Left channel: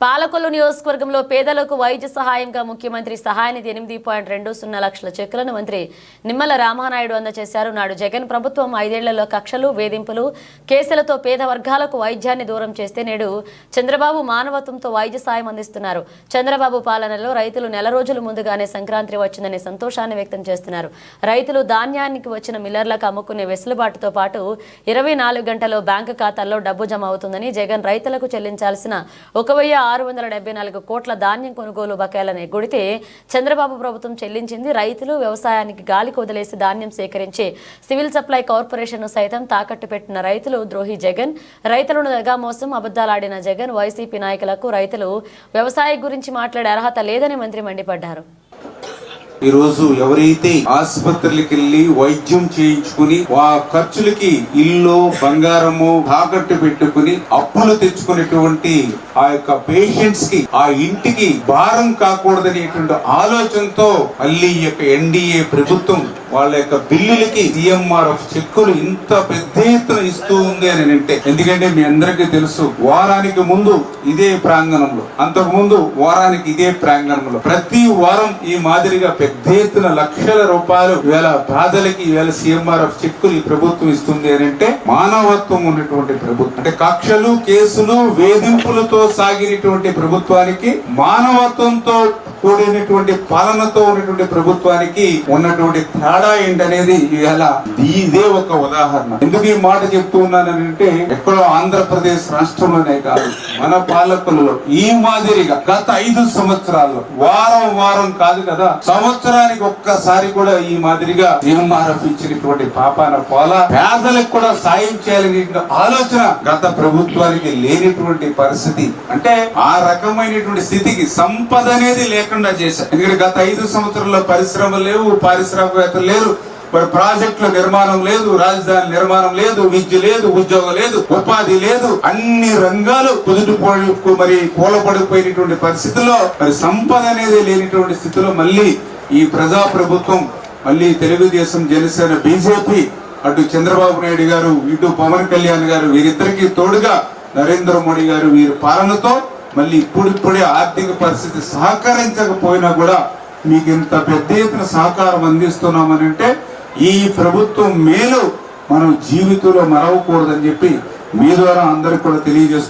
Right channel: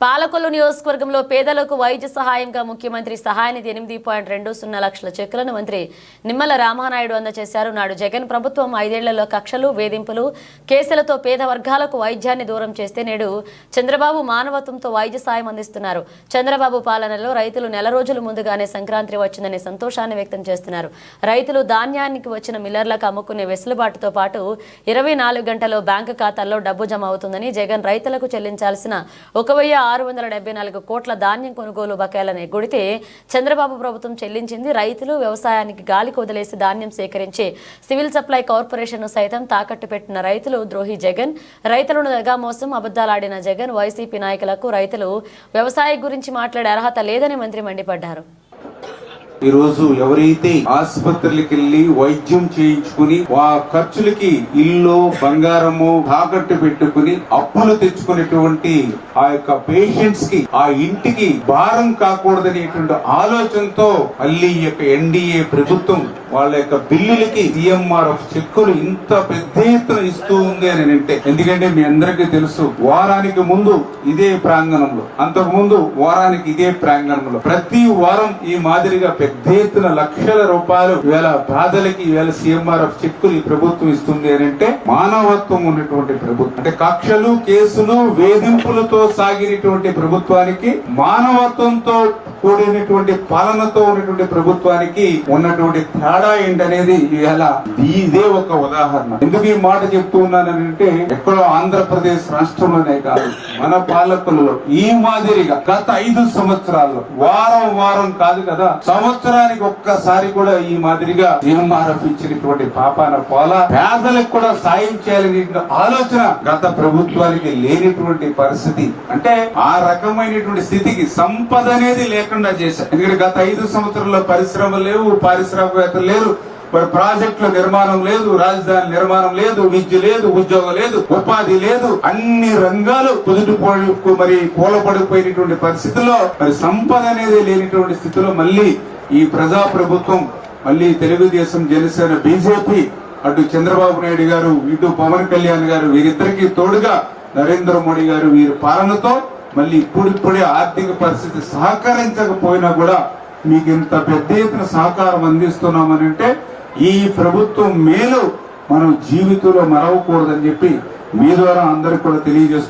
పాలకొల్లు నియోజకవర్గంలో పేదలకు వైద్య సహాయంగా ముఖ్యమంత్రి సహాయ నిధి 8.20 లక్షల చెక్కులను మంత్రి నిమ్మల రామానాయుడు అందజేశారు. నాడు జగన్ ప్రభుత్వం 5 ఏళ్లలో కక్షలు, వేధింపులు, కేసులతో పేద వర్గాలకు వైద్యాన్ని దూరం చేస్తే నేడు చంద్రబాబు మానవత్వంతో వైద్య సాయం అందిస్తున్నారు. చంద్రబాబు పాలనలో రైతులు నెల రోజుల ముందుగానే సంక్రాంతి వచ్చిందని సంతోషాన్ని వ్యక్తం చేస్తున్నారు. రైతులు ధాన్యానికి వచ్చిన మిల్లర్లకు అమ్ముకునే వెసులుబాటుతో పాటు 24 గంటల్లో బ్యాంకు ఖాతాల్లో డబ్బు జమ అవుతుందని, జగన్ రైతులకు చెల్లించాల్సిన 1,674 కోట్ల ధాన్యం కొనుగోలు బకాయిలను ఎగ్గొడితే చంద్రబాబు ప్రభుత్వం చెల్లించింది. రైతులు వ్యవసాయానికి గాలికి వదిలేసి ధాన్యం సేకరించి సివిల్ సప్లై కార్పొరేషన్ సైతం తాకట్టు పెట్టిన రైతులు ద్రోహి జగన్. రైతులను దగా మోసం, అబద్దాలాడిన జగన్. వైసీపీ నాయకులకు రైతులు వ్యవసాయం గురించి మాట్లాడే అర్హత లేదని మంత్రి మండిపడ్డారు. ఈ రోజు ఎవరైతే ఆసుపత్రులకు వెళ్లి వైద్యం చేయించుకుని ఆ ఖర్చులకి ఇల్లు, బంగారము తాకట్టు పెట్టుకుని అప్పులు తెచ్చుకునేటువంటి ఆ యొక్క పేషెంట్స్ కి, ఆ ఇంటికి భారం కాకూడదనేటువంటి ఆలోచనతో మళ్ళీ ఈ యొక్క ఎన్డీఏ ప్రభుత్వం వాళ్ళ యొక్క బిల్లులకి సిఎంఆర్ఎఫ్ చెక్కులు ఇంత పెద్ద ఎత్తున ఇస్తూ ఉంది అని అంటే, ఎందుకంటే మీ అందరికీ తెలుసు, వారానికి ముందు ఇదే ప్రాంగణంలో, అంతకు ముందు వారానికి ఇదే ప్రాంగణంలో ప్రతి వారం ఈ మాదిరిగా పెద్ద ఎత్తున లక్షల రూపాయలు ఇవాళ బాధలకి ఇవాళ సిఎంఆర్ఎఫ్ చెక్కులు ఈ ప్రభుత్వం ఇస్తుంది అని అంటే మానవత్వం ఉన్నటువంటి ప్రభుత్వం. అంటే కక్షలు, కేసులు, వేధింపులతో సాగినటువంటి ప్రభుత్వానికి, మానవత్వంతో కూడినటువంటి పాలనతో ఉన్నటువంటి ప్రభుత్వానికి ఉన్నటువంటి తేడా ఏంటనేది ఇవాళ ఇదే ఒక ఉదాహరణ. ఎందుకు ఈ మాట చెప్తూ ఉన్నానంటే, ఎక్కడో ఆంధ్రప్రదేశ్ రాష్ట్రంలోనే కాదు, మన పాలకులలో ఈ మాదిరిగా గత 5 సంవత్సరాల్లో వారం కాదు కదా, సంవత్సరానికి ఒక్కసారి కూడా ఈ మాదిరిగా సిఎంఆర్ఎఫ్ ఇచ్చినటువంటి పాపాన పోల పేదలకు కూడా సాయం చేయాలనే ఆలోచన గత ప్రభుత్వానికి లేనిటువంటి పరిస్థితి. అంటే ఆ రకమైనటువంటి స్థితికి సంపద అనేది లేకుండా చేశారు. ఎందుకంటే గత 5 సంవత్సరాల్లో పరిశ్రమలు లేవు, పారిశ్రామికవేత్తలు లేరు, మరి ప్రాజెక్టుల నిర్మాణం లేదు, రాజధాని నిర్మాణం లేదు, విద్య లేదు, ఉద్యోగం లేదు, ఉపాధి లేదు, అన్ని రంగాలు మరి కూలపడిపోయినటువంటి పరిస్థితుల్లో మరి సంపద అనేది లేనిటువంటి స్థితిలో మళ్ళీ ఈ ప్రజా ప్రభుత్వం, మళ్ళీ తెలుగుదేశం, జనసేన, బీజేపీ, అటు చంద్రబాబు నాయుడు గారు, ఇటు పవన్ కళ్యాణ్ గారు, వీరిద్దరికి తోడుగా నరేంద్ర మోడీ గారు, వీరి పాలనతో మళ్ళీ ఇప్పుడిప్పుడే ఆర్థిక పరిస్థితి సహకరించకపోయినా కూడా మీకు ఇంత పెద్ద ఎత్తున సహకారం అందిస్తున్నామని అంటే ఈ ప్రభుత్వం మేలు మనం జీవితంలో మరవకూడదని చెప్పి మీ ద్వారా అందరికి కూడా తెలియజేసుకుంటున్నాం.